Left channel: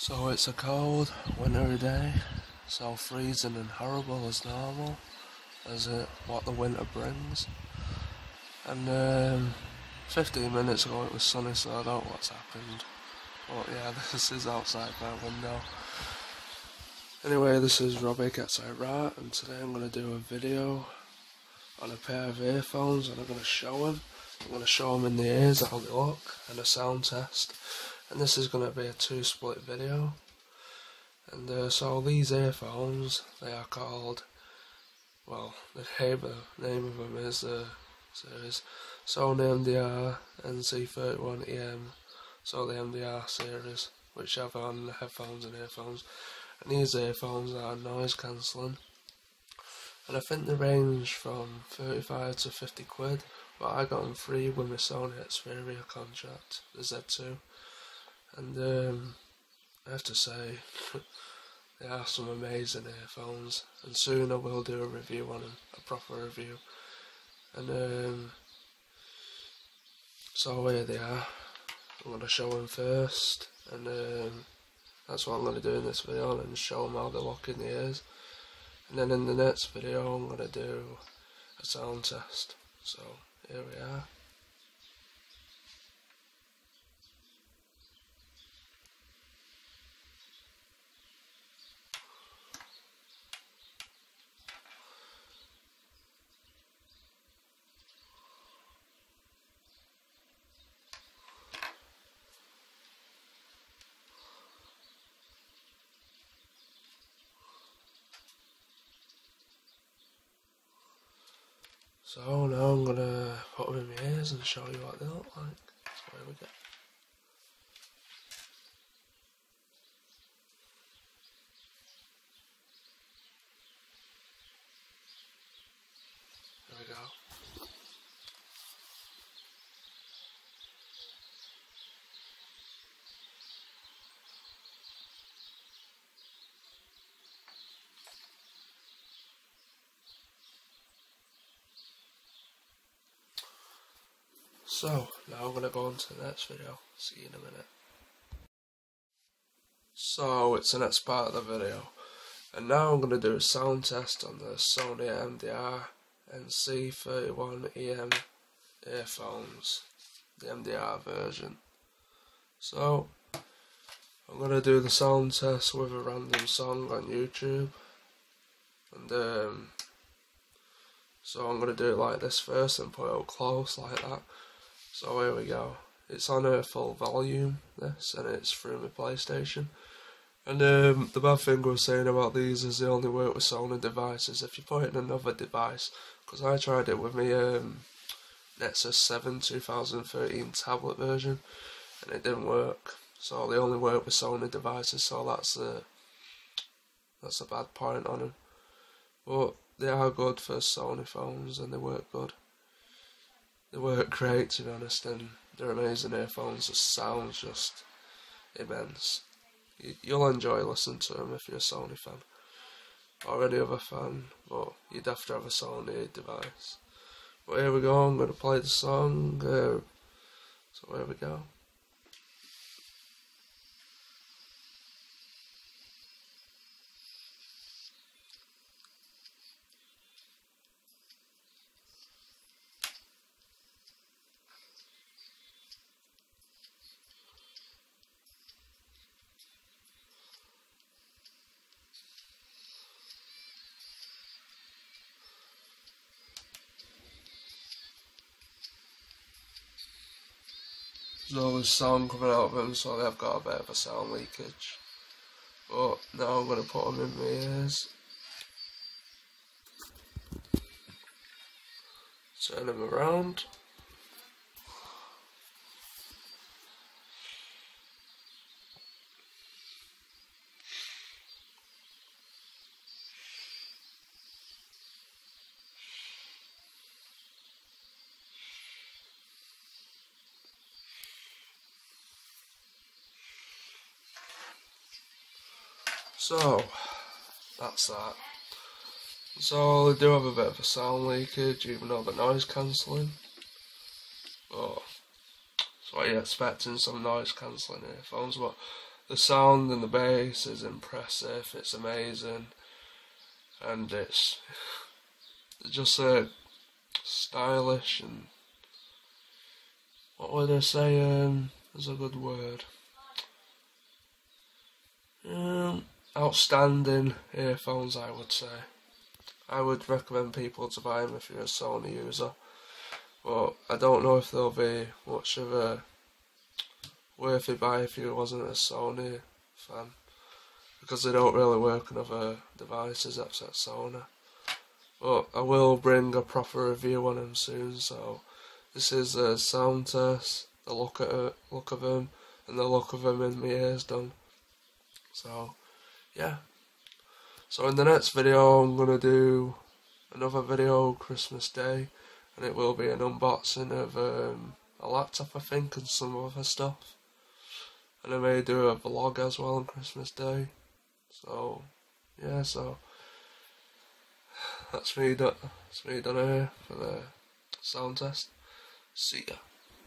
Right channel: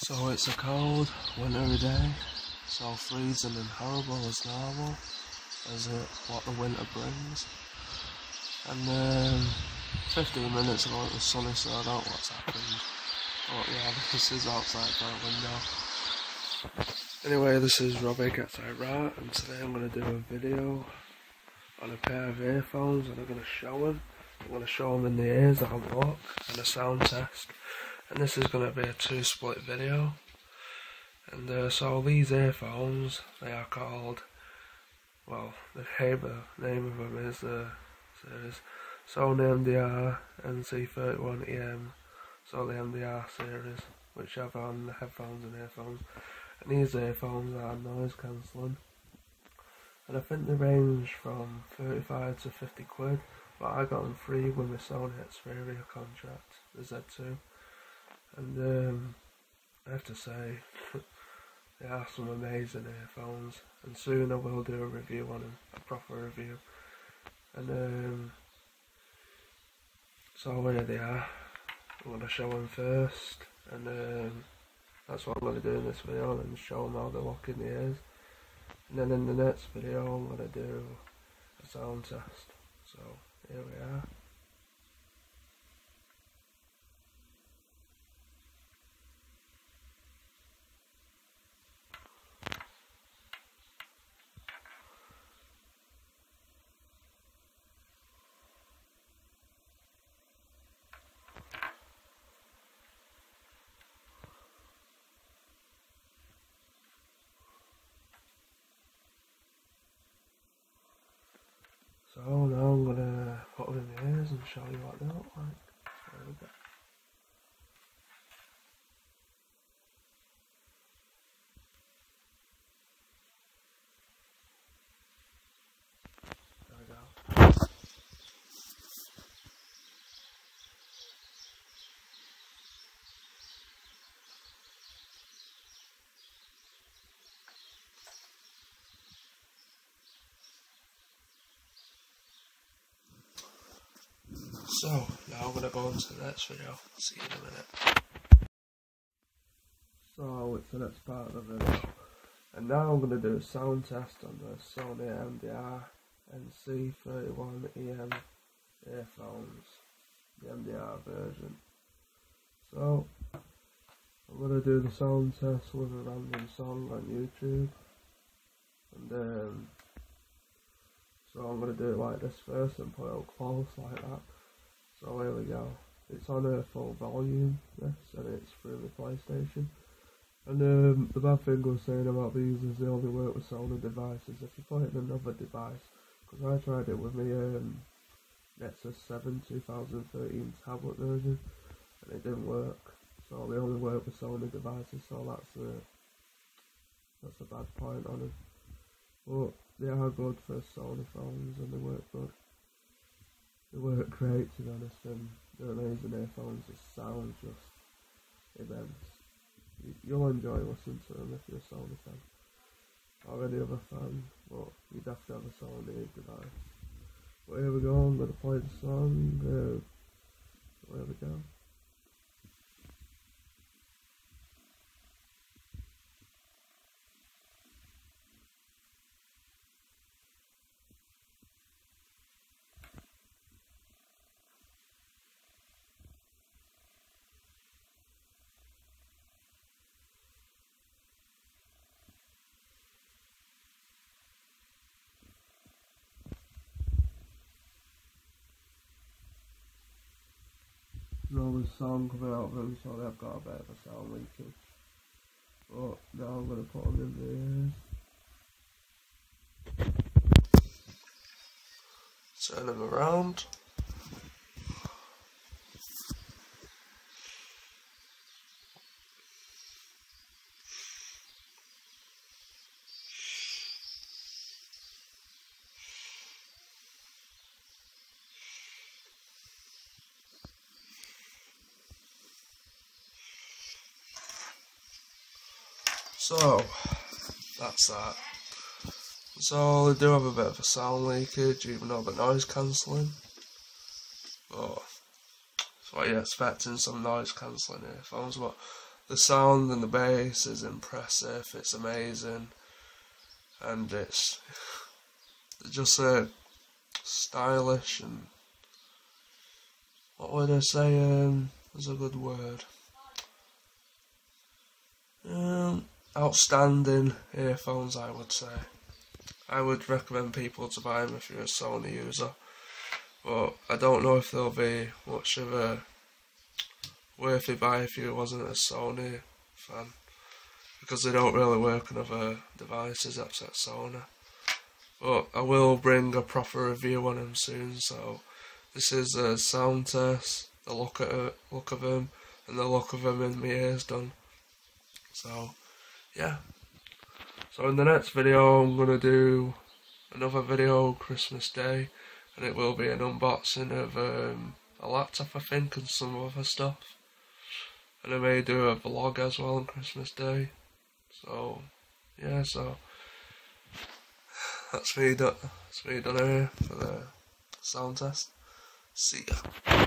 So it's a cold, wintry day, so freezing and horrible as normal, as what the winter brings. And 15 minutes ago it was sunny, so I don't know what's happened. But yeah, this is outside my window. Anyway, this is RobakaXIRa, and today I'm going to do a video on a pair of earphones, and I'm going to show them. I'm going to show them in the ears how they look, and a sound test. And this is going to be a two-split video. And so these earphones, they are called, well, the name of them is series Sony MDR-NC31EM, so the MDR series, which have on headphones and earphones. And these earphones are noise cancelling, and I think they range from 35 to 50 quid, but I got them free with my Sony MDR contract, the Z2. And I have to say, they are some amazing earphones, and soon I will do a review on them, a proper review. And so here they are. I'm going to show them first, and that's what I'm going to do in this video, and show them how they look in the ears. And then in the next video I'm going to do a sound test. So here we are. So now I'm going to put them in my ears and show you what they look like. So here we go. There we go. So, now I'm going to go on to the next video. See you in a minute. So, it's the next part of the video. And now I'm going to do a sound test on the Sony MDR-NC31EM Earphones. The MDR version. So, I'm going to do the sound test with a random song on YouTube. And so I'm going to do it like this first and put it up close like that. So here we go. It's on a full volume, this, and it's through my PlayStation. And the bad thing I was saying about these is they only work with Sony devices. If you put it in another device, because I tried it with my Nexus 7 2013 tablet version, and it didn't work. So they only work with Sony devices, so that's a bad point on them. But they are good for Sony phones, and they work good. They work great, to be honest, and they're amazing earphones. The sound's just immense. You'll enjoy listening to them if you're a Sony fan, or any other fan, but you'd have to have a Sony device. But here we go, I'm going to play the song, so here we go. There's always sound coming out of them, so they've got a bit of a sound leakage. But now I'm going to put them in my ears. Turn them around. So, that's that. So, they do have a bit of a sound leakage, even though they're noise cancelling. But, so you're expecting some noise cancelling earphones, but the sound and the bass is impressive, it's amazing, and it's just stylish, and what would I say is a good word? Outstanding earphones, I would say. I would recommend people to buy them if you're a Sony user, but I don't know if they'll be much of a worthy buy if you wasn't a Sony fan, because they don't really work on other devices except Sony. But I will bring a proper review on them soon. So this is a sound test, the look of them, and the look of them in my ears done. So yeah. So in the next video I'm gonna do another video Christmas Day, and it will be an unboxing of a laptop, I think, and some other stuff. And I may do a vlog as well on Christmas Day. So yeah, so that's me done here for the sound test. See ya.